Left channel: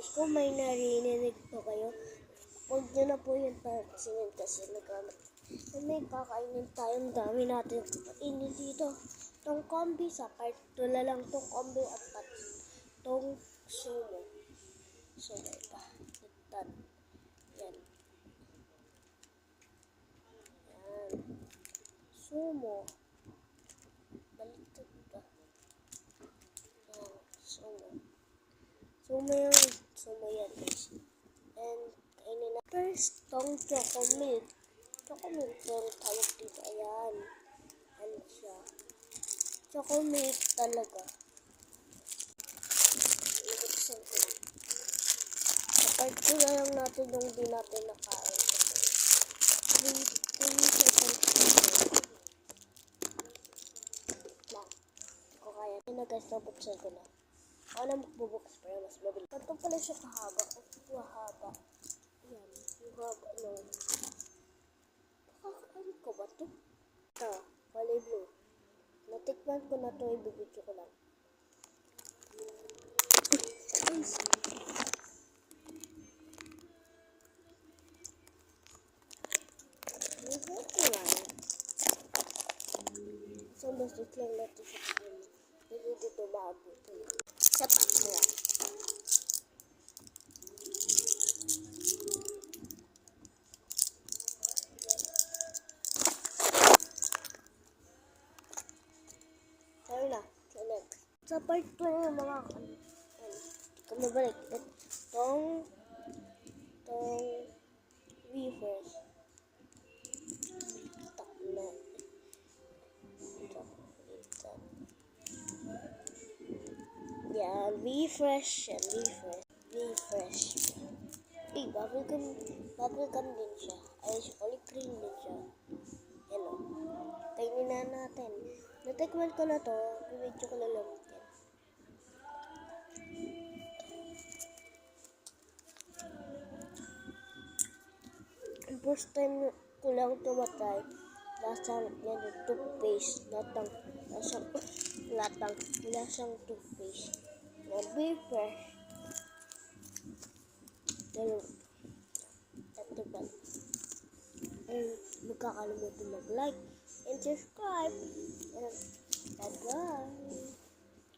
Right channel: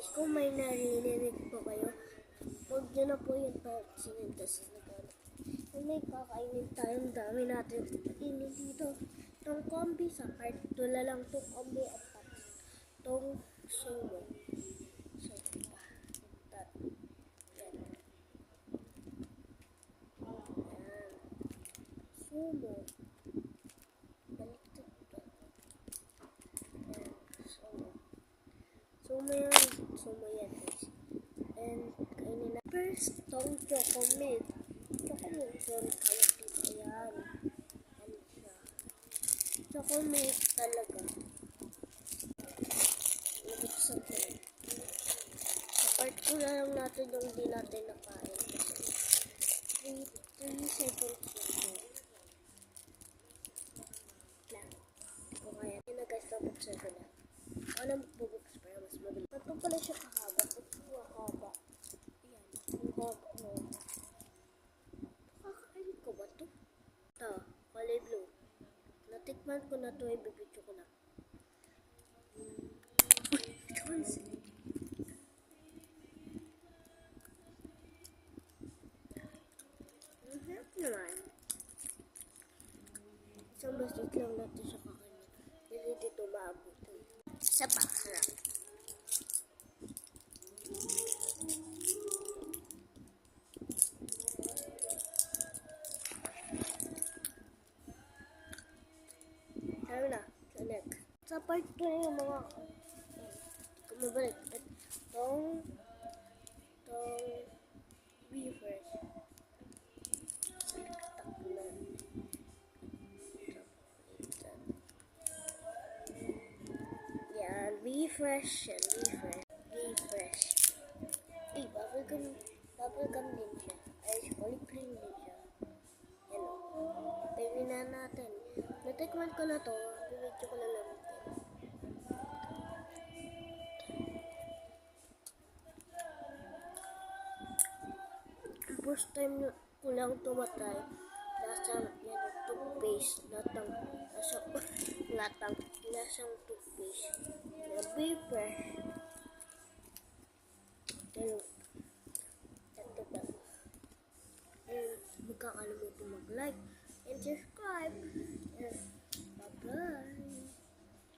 Guys, kung may narinig po kayo, huwag nyo na po yung pansinin kasi may kakainin tayong dami natin kainin dito. Itong kombi sa part 2 na lang itong kombi at itong sumo. So, pa. Itan. Yan. Yan. Sumo. Baliktad ba? Yan. Sumo. Sumo yan guys. And kainin na. First, itong chocolate. Chocolate pero tawag dito. Ayan. Ano siya? Chocolate talaga. Nabuksan ko lang. Apart ko na lang natin yung di natin nakain. 3 seconds lang. Kung kaya. Yan na guys, nabuksan ko na. Ako na magbubukas para mas mabilis. Ito pala siya kahaba. Ito haba. Ayan. Ang haba. No. Nakakain ko ba ito? Ito. Kulay blue. Natikman ko na ito. Ibibidyo ko lang. Guys. Isang bastos lang natin siya kain. Hindi dito maabot. Isa pa, sarap. Sabi na, sa next. Sa part 2 na yung mga kumabalik. Itong refresh. Taklan. Yan, refresh. Yan, refresh. Eh, bubblegum din siya. Ay, chocolate cream din siya. Yan o. Kainin na natin. Natikman ko na to. Bibidyo ko na lang. First time ko lang ito matry. Lasang toothpaste. Lasang toothpaste. Na refresh. Ito ba? And magkakalimutan mag-like and subscribe. And bye-bye.